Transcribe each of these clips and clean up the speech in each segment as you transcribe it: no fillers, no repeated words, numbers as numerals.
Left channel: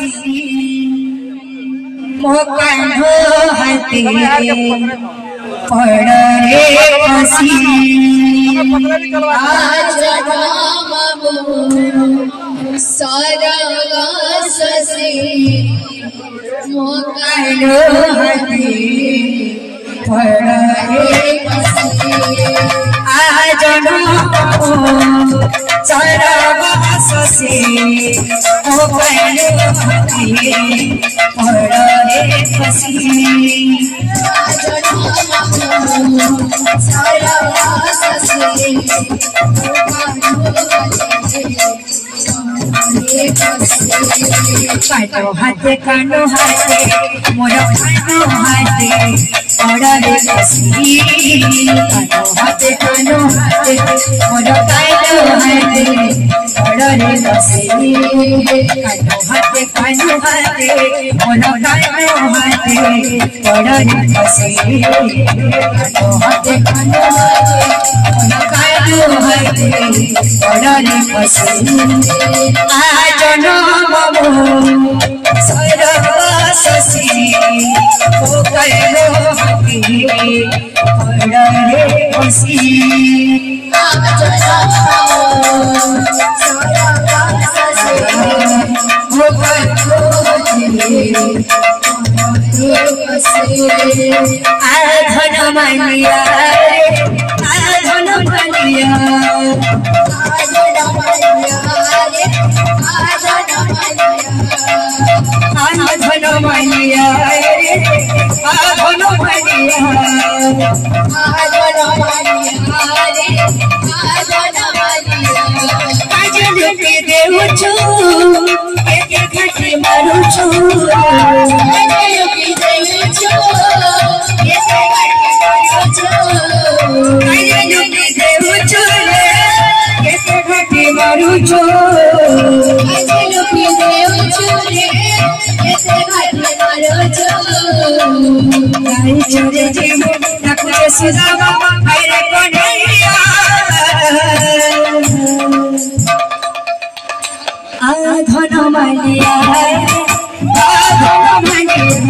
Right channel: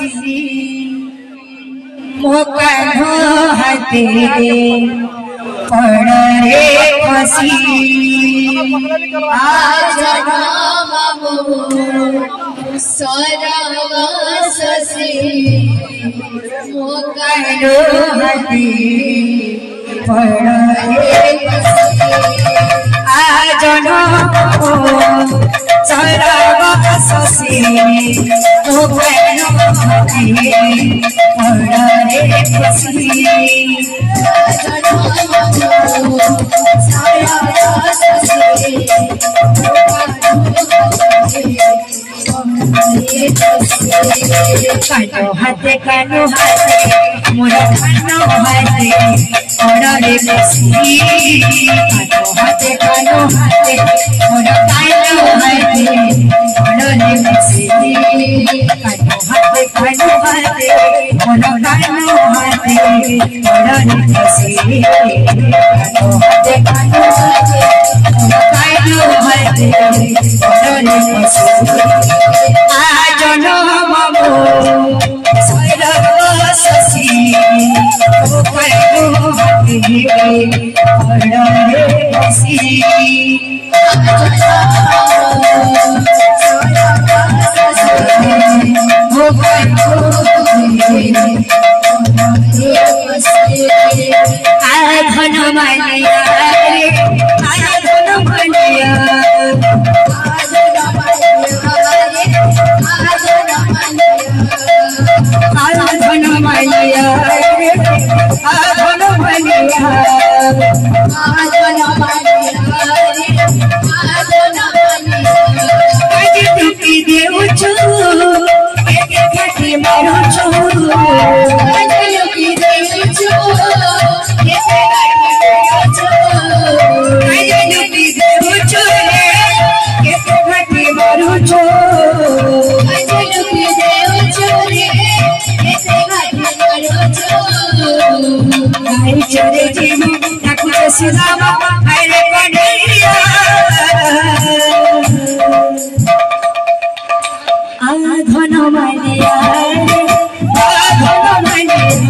फसी मोकानो हाथे पड़ रे फसी आज सरग ससी मोकानो हाथे पड़ रे फसी आज सरग ससी मोकानो हाथे पड़ रे फसी कानो हाथे कानो हाथे मोर कानो हाथे पड़ रे फसी कानो हाथे मोर कानो हाथे पड़ रे फसी कानो हाथे मोर कानो हाथे पड़ रे फसी कानो हाथे मोर कानो हाथे पड़ रे फसी आज ससी ओ करो हाथी पड़ रे फसी धन मानिया धन मानिया धन मानिया देउछु एक घटी मारुछु चोरे जीवो नकुले सुदामा हरे कोडलिया धन मानिया धन मानिया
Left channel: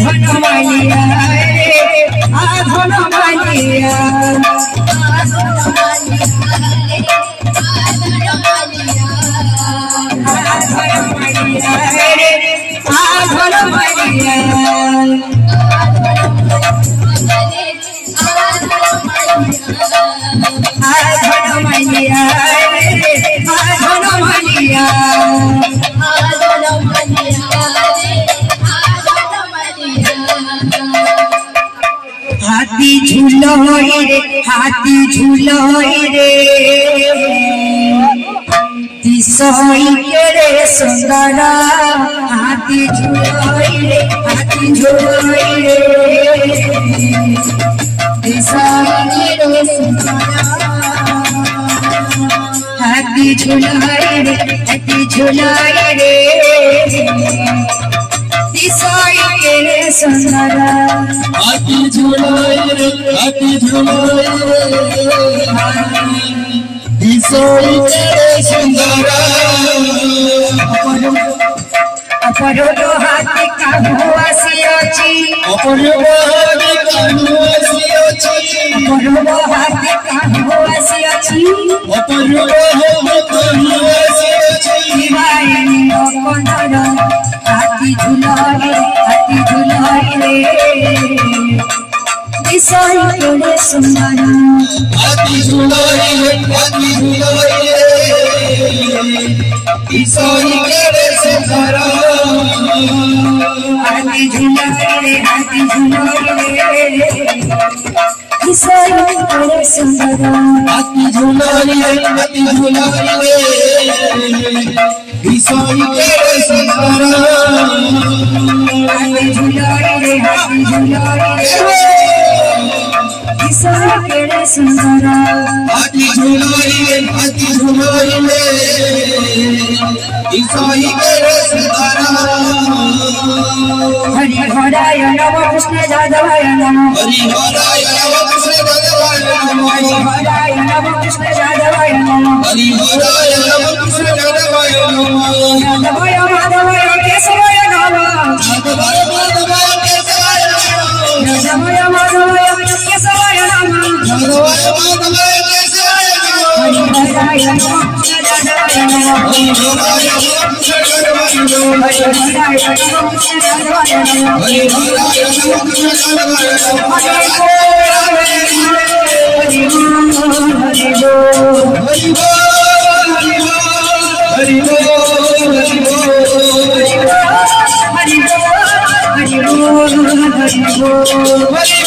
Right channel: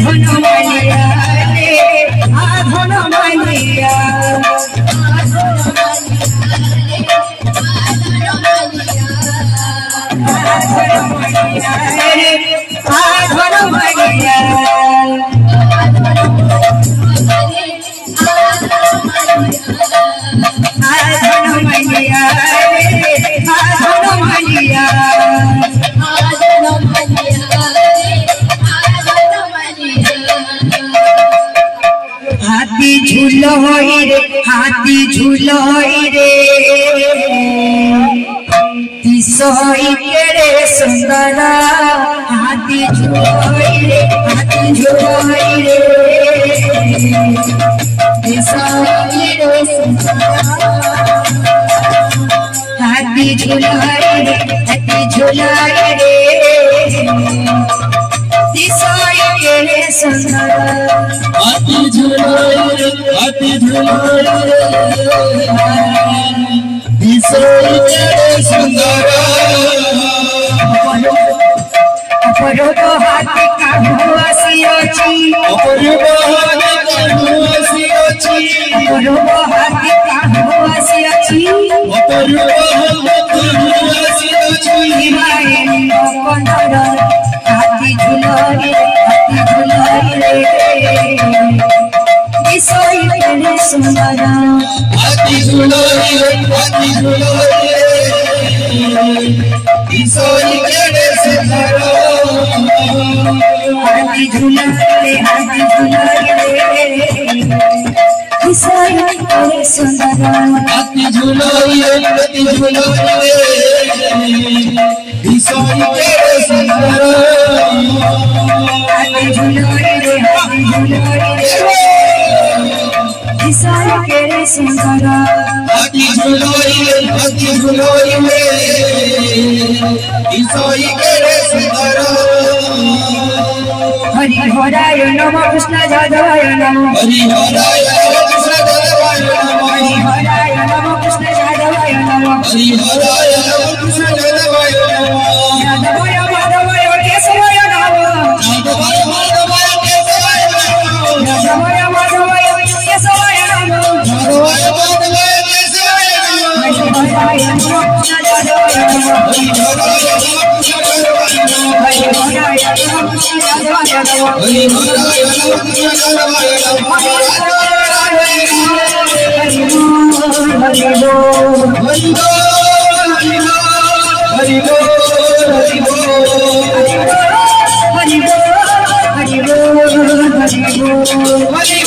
धन मानिया धन मानिया हाथी झूलोई रे दिसोई के रे सुंदर हाथी झूलोई रे दिसोई रे सुंदर हाथी झूलोई रे दिसोई के रे सुंदर हाथी झूलोई रे दिसोई के रे सुंदर अपरो हाथी काहू आसी अछि अपरो हाथी काहू आसी अछि हाथी झूलोई रे दिसोई के रे सुंदर हाथी झूलोई रे दिसोई के रे सुंदर हाथी झूलोई रे दिसोई के रे सुंदर हाथी झूलोई रे दिसोई के रे सुंदर हाथी झूलोई रे दिसोई के रे सुंदर हाथी झूलोई रे दिसोई के रे सुंदर हरि हराय नमो कृष्ण जादवाय नमो हरि हराय नमो कृष्ण जादवाय नमो हरि हराय नमो Hari